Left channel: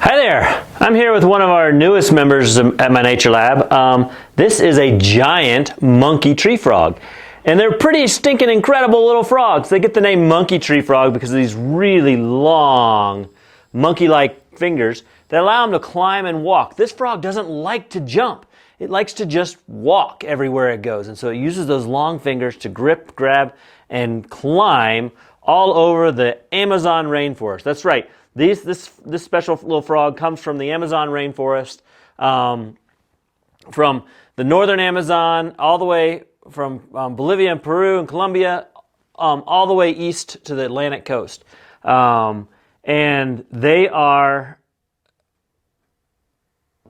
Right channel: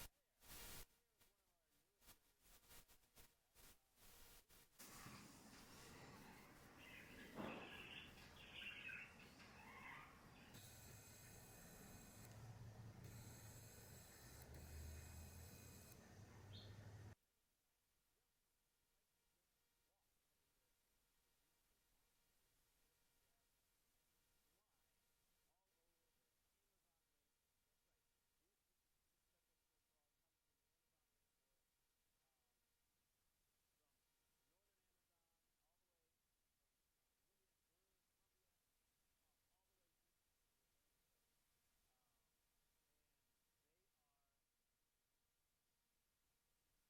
Hi there, I'm here with one of our newest members at my nature lab. This is a giant monkey tree frog. And they're pretty stinking incredible little frogs. They get the name monkey tree frog because of these really long monkey-like fingers that allow them to climb and walk. This frog doesn't like to jump. It likes to just walk everywhere it goes. And so it uses those long fingers to grip, grab, and climb all over the Amazon rainforest. That's right. This special little frog comes from the Amazon rainforest, from the northern Amazon, all the way from Bolivia and Peru and Colombia, all the way east to the Atlantic coast. And they are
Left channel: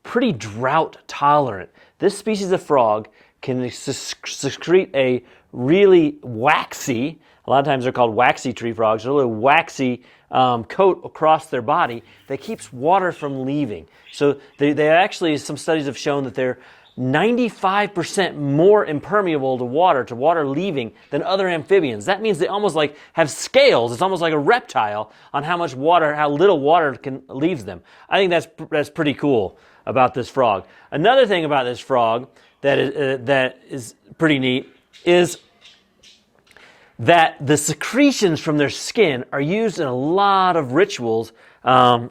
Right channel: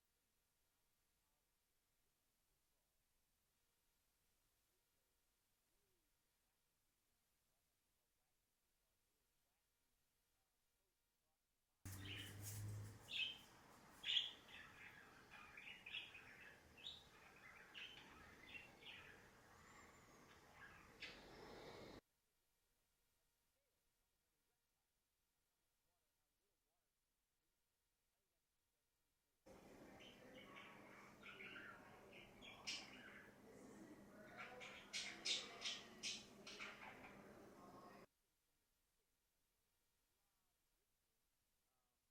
pretty drought tolerant. This species of frog can secrete a really waxy, a lot of times they're called waxy tree frogs, a really waxy coat across their body that keeps water from leaving. So they actually, some studies have shown that they're 95% more impermeable to water leaving than other amphibians. That means they almost like have scales. It's almost like a reptile on how much water, how little water leaves them. I think that's pretty cool about this frog. Another thing about this frog that is pretty neat is that the secretions from their skin are used in a lot of rituals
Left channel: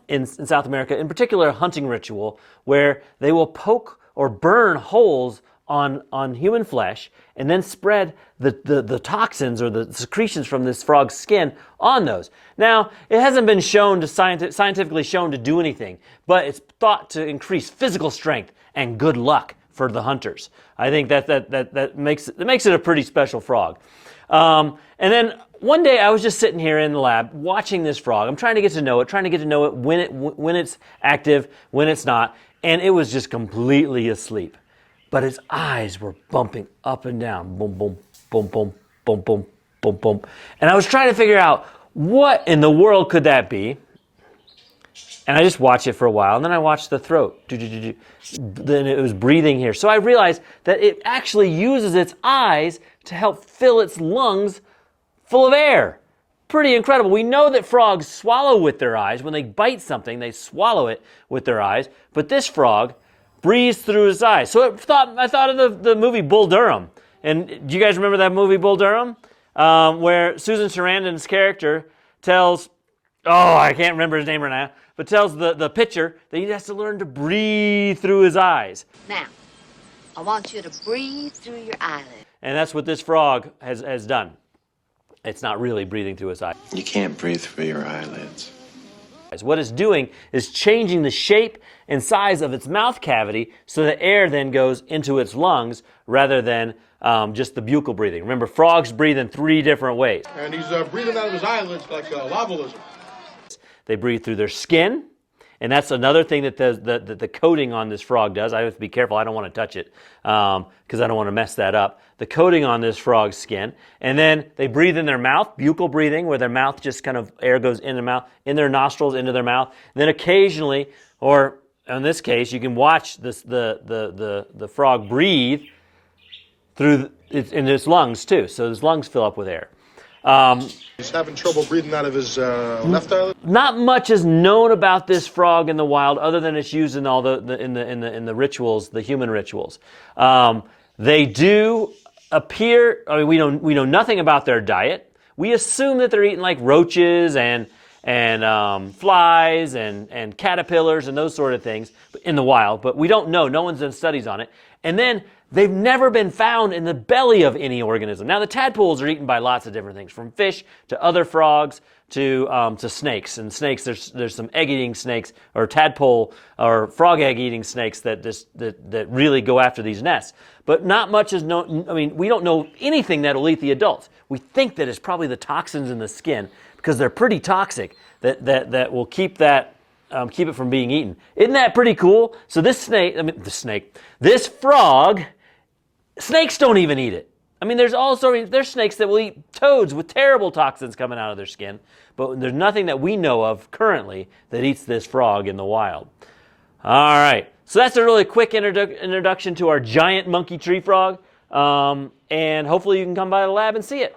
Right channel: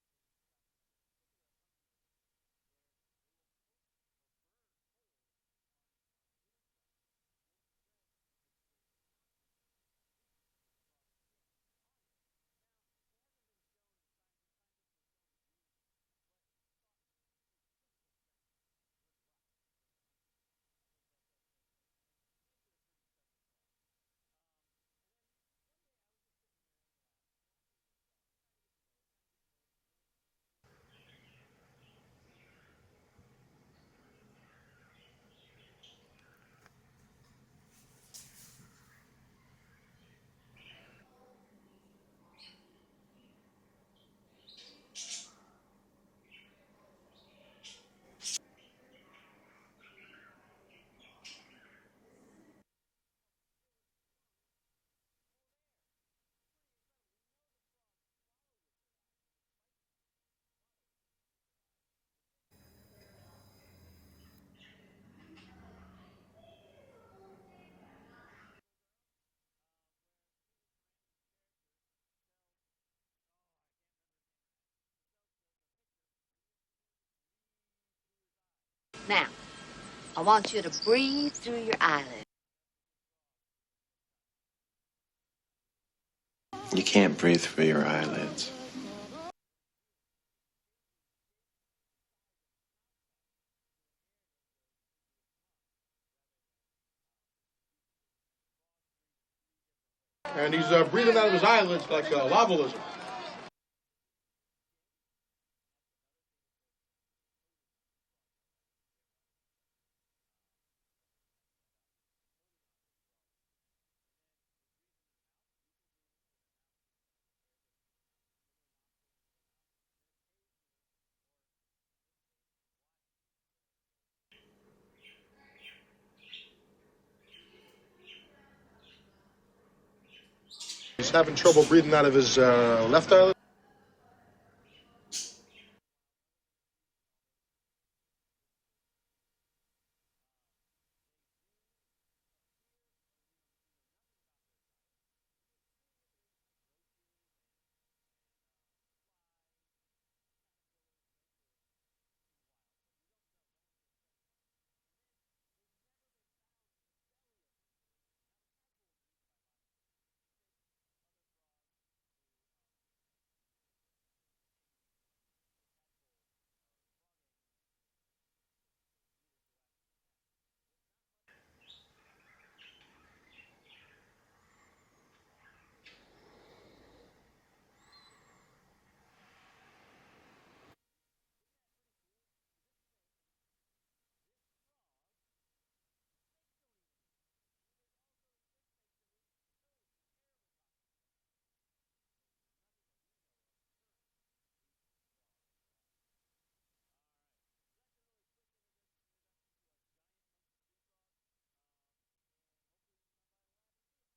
in South America, in particular a hunting ritual, where they will poke or burn holes on human flesh and then spread the toxins or the secretions from this frog's skin on those. Now, it hasn't been shown to scientifically shown to do anything, but it's thought to increase physical strength and good luck for the hunters. I think that makes it a pretty special frog. And then one day I was just sitting here in the lab watching this frog. I'm trying to get to know it, when it's active, when it's not, and it was just completely asleep. But its eyes were bumping up and down, boom, boom, boom, boom, boom, boom, boom, boom. And I was trying to figure out what in the world could that be. And I just watched it for a while, and then I watched the throat. Then it was breathing here. So I realized that it actually uses its eyes to help fill its lungs full of air. Pretty incredible. We know that frogs swallow with their eyes. When they bite something, they swallow it with their eyes. But this frog breathes through his eyes. So I thought of the movie Bull Durham. And do you guys remember that movie Bull Durham? Where Susan Sarandon's character tells, I can't remember his name right now, but tells the pitcher that he has to learn to breathe through his eyes. Now, I want you to breathe through your eyelids. And that's what this frog has done. It's not really breathing through his eyes. You can't breathe through your eyelids. What it's doing is changing the shape and size of its mouth cavity so that air then goes into its lungs rather than just the buccal breathing. Remember, frogs breathe in 3 different ways. And he's breathing out of his eyelids like a lava lizard. They breathe through their skin, and that's another thing that the coating on this frog does. I have to be careful. I don't want to touch it because I don't want to mess that up. The coating on this frog's skin, and then they breathe in their mouth, buccal breathing, where their mouth just kind of air goes in their mouth, in their nostrils, into their mouth. And then occasionally, or in this case, you can watch the frog breathe through in its lungs too. So his lungs fill up with air. He's having trouble breathing out of his left eyelid. Not much is known about this frog in the wild, other than it's used in all in the rituals, the human rituals. They do appear. I mean, we know nothing about their diet. We assume that they're eating like roaches and flies and caterpillars and those sort of things in the wild, but we don't know. No one's done studies on it. And then they've never been found in the belly of any organism. Now, the tadpoles are eaten by lots of different things, from fish to other frogs to snakes. And snakes, there's some egg-eating snakes or tadpole or frog egg-eating snakes that really go after these nests. But not much is known. I mean, we don't know anything that'll eat the adults. We think that it's probably the toxins in the skin because they're pretty toxic that will keep it from being eaten. Isn't that pretty cool? So this frog, snakes don't even eat it. I mean, there's snakes that will eat toads with terrible toxins coming out of their skin, but there's nothing that we know of currently that eats this frog in the wild. All right, so that's a really quick introduction to our giant monkey tree frog, and hopefully you can come by the lab and see it.